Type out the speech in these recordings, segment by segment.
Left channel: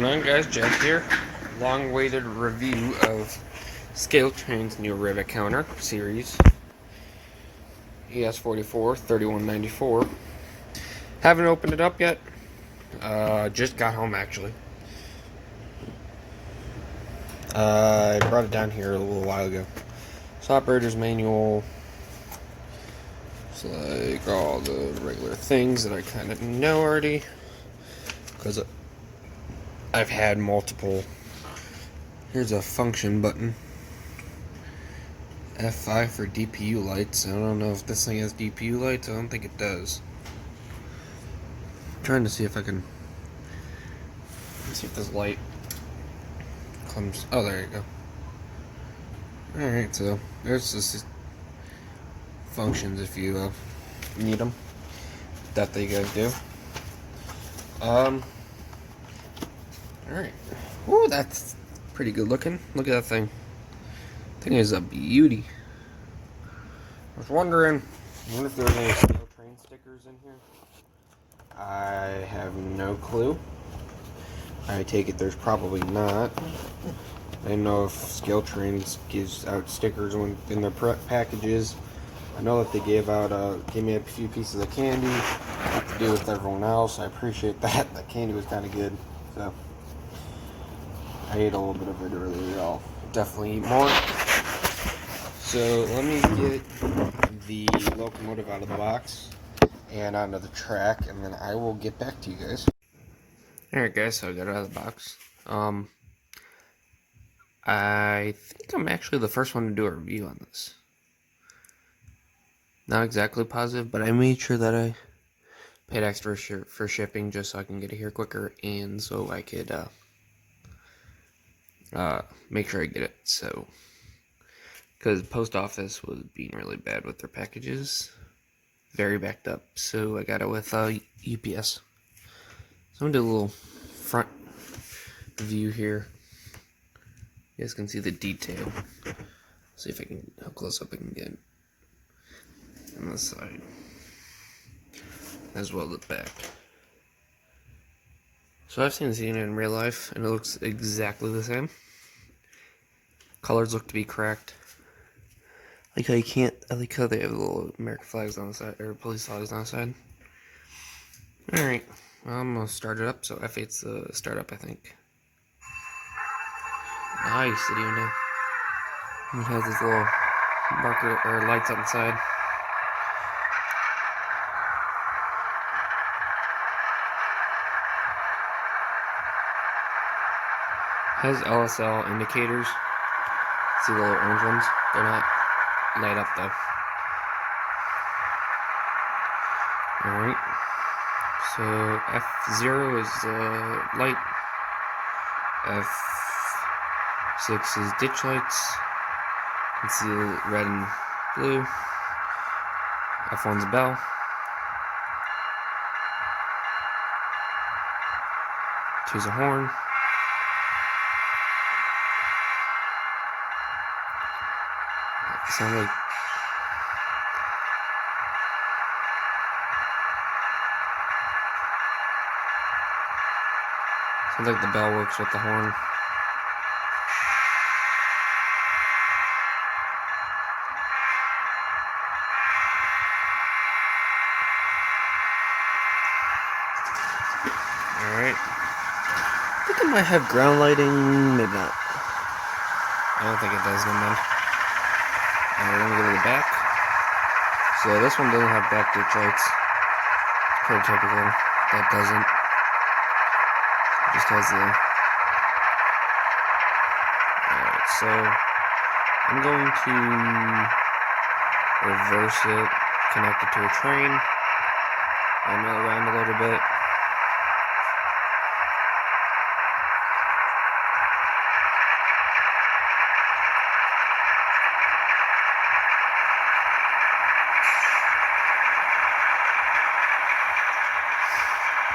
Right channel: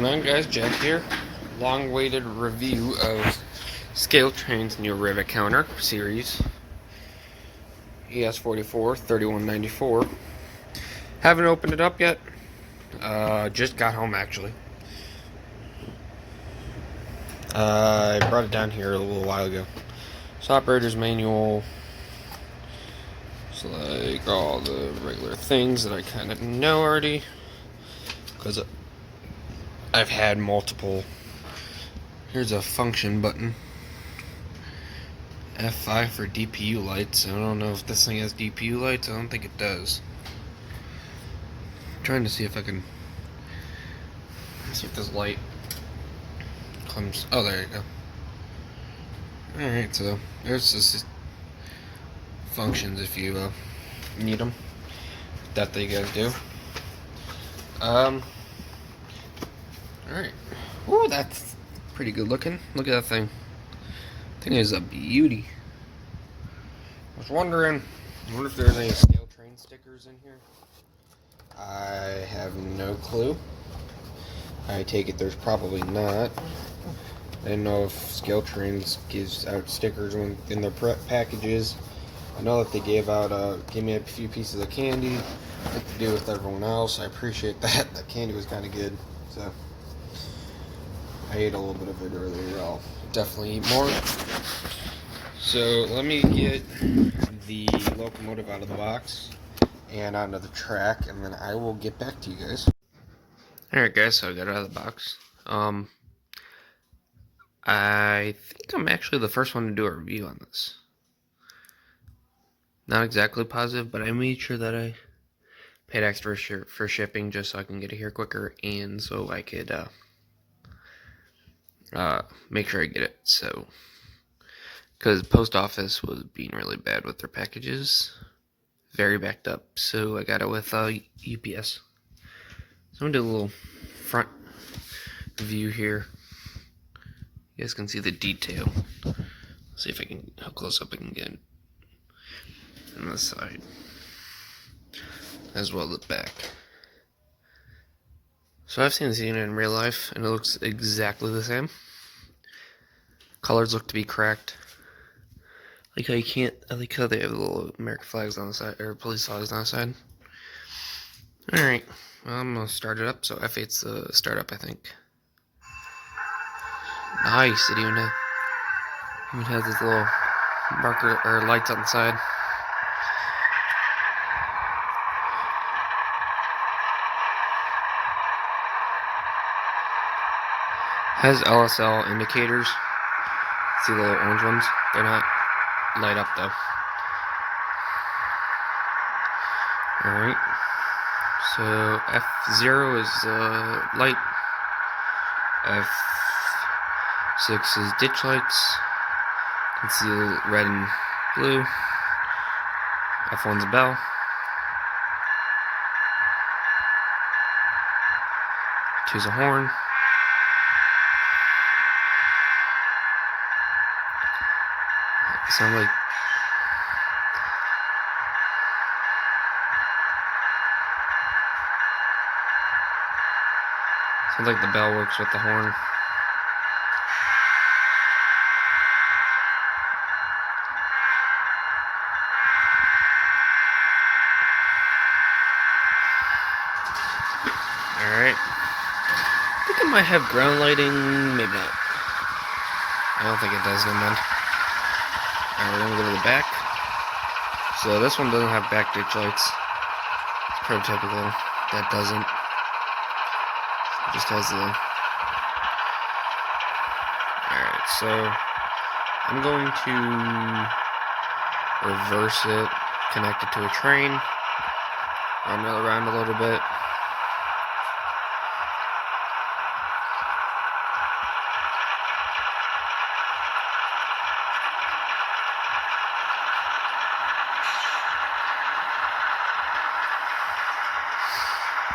going on, guys? Jack here. Long-awaited review of Scaletrains new Rivet Counter series ES44 3194. Haven't opened it up yet. Just got home actually. I brought it down here a little while ago. It's operator's manual. It's like all the regular things that I kind of know already, because I've had multiple. Here's a function button. F5 for DPU lights. I don't know if this thing has DPU lights. I don't think it does. I'm trying to see if I can. Let's see if this light comes. Oh, there you go. Alright, so there's just functions if you need them. That they gotta do. Alright. Ooh, that's pretty good looking. Look at that thing. Thing is a beauty. I was wondering, I wonder if there's any Scaletrain stickers in here. I have no clue. I take it there's probably not. I didn't know if Scaletrains gives out stickers in their packages. I know that they gave me a few pieces of candy to do with everyone else. I appreciate that. That candy was kind of good, so I ate a little bit of it earlier. I'll definitely eat more. So let me get the locomotive out of the box and onto the track, and then I will get back to you guys. Alright guys, so I got it out of the box. I think I'm actually the first one to do a review on this. Not exactly positive, but I made sure that I paid extra for shipping just so I can get it here quicker, and so I could make sure I get it. So, because the post office was being really bad with their packages, very backed up, so I got it with UPS. So I'm gonna do a little front view here. You guys can see the detail. See if I can, how close up I can get on the side, as well as the back. So I've seen this unit in real life, and it looks exactly the same. Colors look to be cracked. I like how they have the little American flags on the side, or police flags on the side. Alright, well, I'm gonna start it up. So F8's the startup, I think. Nice, it even has this little marker or lights on the side. Has LSL indicators. See the little orange ones? They're not light up though. Alright. So F0 is light. F6 is ditch lights. You can see red and blue. F1's a bell. Two's a horn. Sounds like the bell works with the horn. Alright. I think it might have ground lighting, maybe not. I don't think it does, never mind. Alright, we're gonna go to the back. So this one doesn't have back ditch lights. It's pretty typical. That doesn't. It just has the. Alright, so I'm going to reverse it, connect it to a train, and mill around a little bit.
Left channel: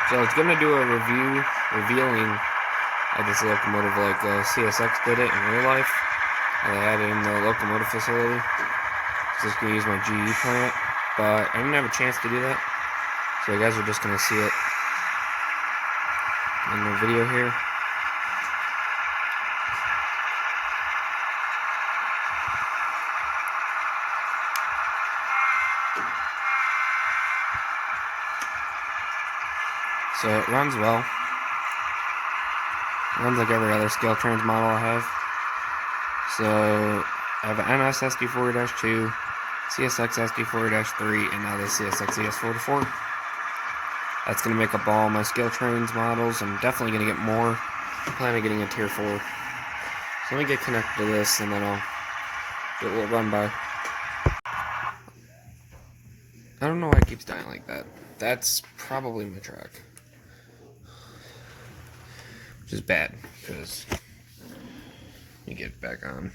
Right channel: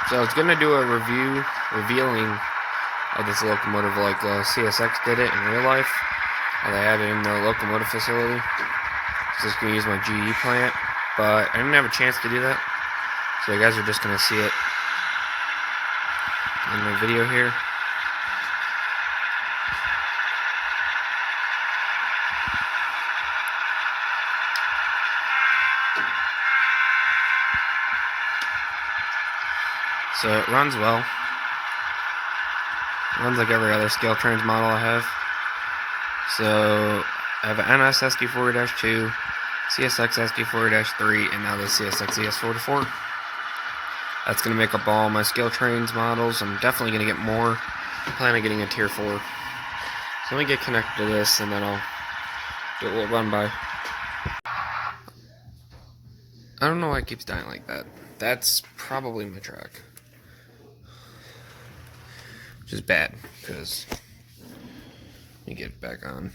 So I was gonna do a revealing of this locomotive like CSX did it in real life. How they had it in their locomotive facility. So I was gonna use my GE plant, but I didn't have a chance to do that. So you guys are just gonna see it in the video here. So it runs well. It runs like every other Scaletrains model I have. So I have an NS SD4-2, CSX SD4-3, and now the CSX ES44. That's going to make up all my Scaletrains models. I'm definitely going to get more. I plan on getting a tier 4. So let me get connected to this and then I'll do a little run by. I don't know why it keeps dying like that. That's probably my track. Which is bad, because you get it back on.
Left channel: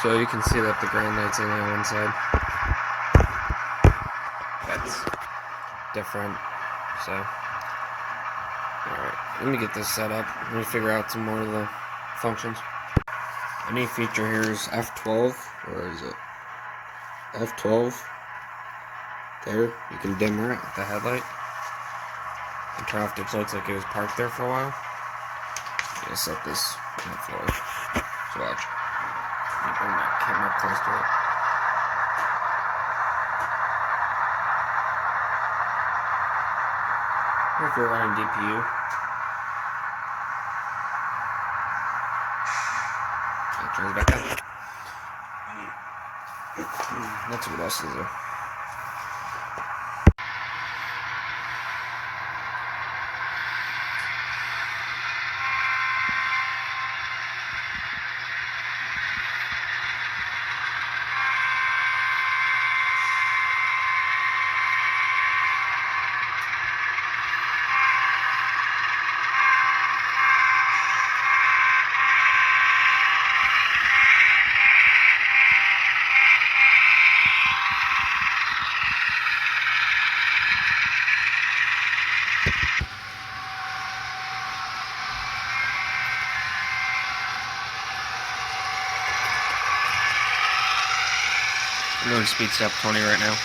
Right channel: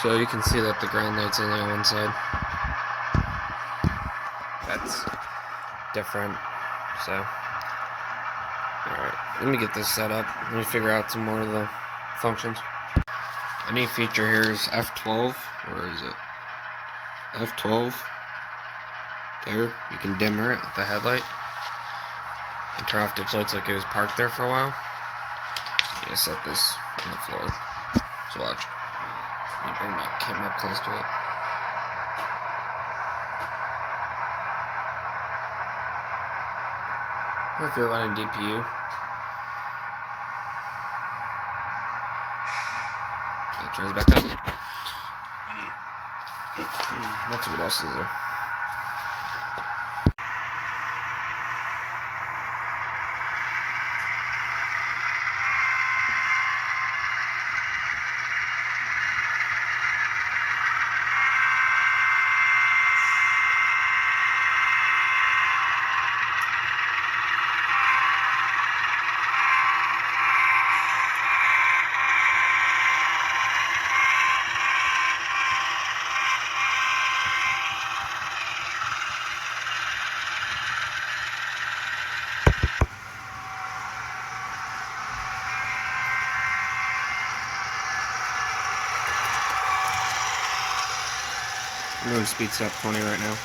So you can see that the ground light's only on one side. That's different. So, alright, let me get this set up. Let me figure out some more of the functions. A neat feature here is F12. Where is it? F12. There, you can dimmer it with the headlight. And turn off ditch lights like it was parked there for a while. I'm gonna set this on the floor. So watch. Let me bring my camera up close to it. Or if you're running DPU. It turns back on. Let's see what else is there. I'm doing speed step 20 right now.